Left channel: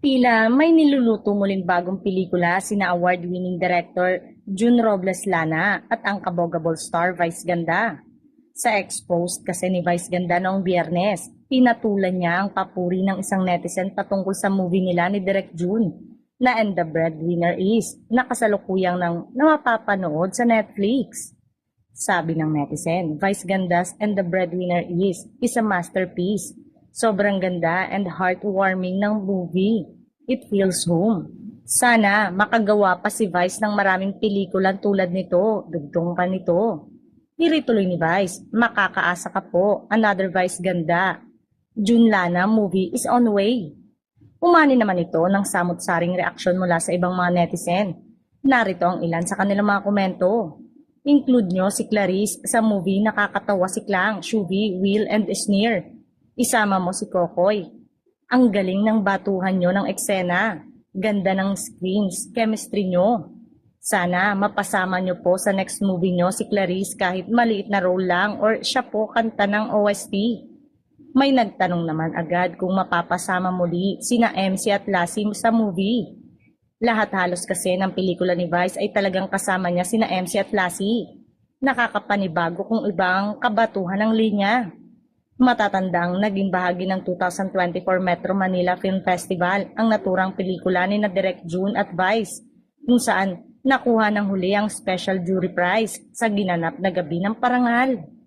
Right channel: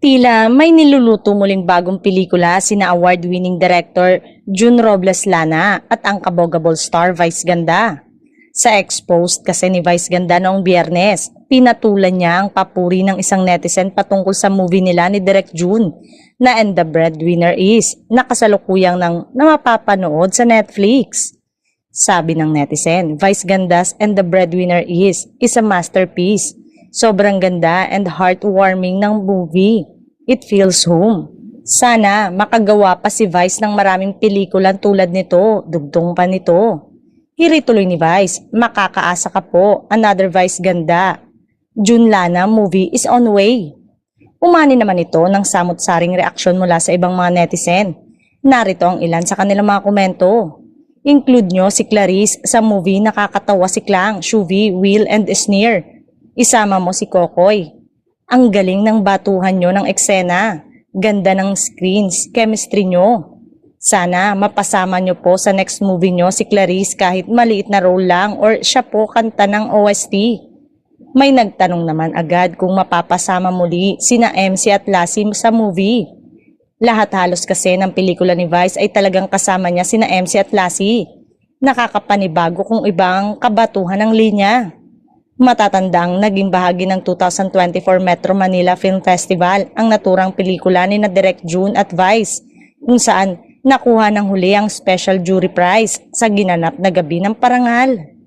Tila may niluluto muling bagong pelikula sina award-winning director June Robles Lana at ang kabogable star Vice Ganda. Sa exposed kasi ni Vice Ganda noong Biyernes, pinatulan niya ang papuri ng isang netizen patungkol sa movie nila ni Direk June na And the Breadwinner Is, na kasalukuyang na mapapanood sa Netflix. Sabi ng netizen, Vice Ganda's And the Breadwinner is a masterpiece. Sobrang ganda and heartwarming ng movie. It feels home. Sana makagawa pa si Vice ng maraming pelikulan tulad nito, dugtong pa nito. Hiri tuloy ni Vice, makakaasa ka po, another Vice Ganda. June Lana movie is on way. Umani naman ito ng samot-saring reaksyon mula sa ibang mga netizen. Narito ang ilan sa kanilang mga komento. Include nyo si Clarice sa movie Nakakatawa si Klang, Shuvi, Will and Sneer. Isama mo si Kokoy. Ang galing ng batuhan nyo ng eksena. Ganda ng screens, chemistry nyo. Sana mapasama nyo po sa next movie nyo si Clarice kahit maliit na role lang or siya po kanta ng OST. May nagtanong naman agad kung mapapasama muli sina MC at Lassie sa movie. Lahat halos kasi ng pelikula ni Vice ay talagang kasama niya sina MC at Lassie. Nakakapanibago kung ibang kabatuhan ng linya. Matatandang naging bahagi ng 2024 Metro Manila Film Festival ang naturang pelikula ni na Direk June at Vice, kung saan nakuha ng huli ang special jury prize sa ginanap na gabi ng parangal.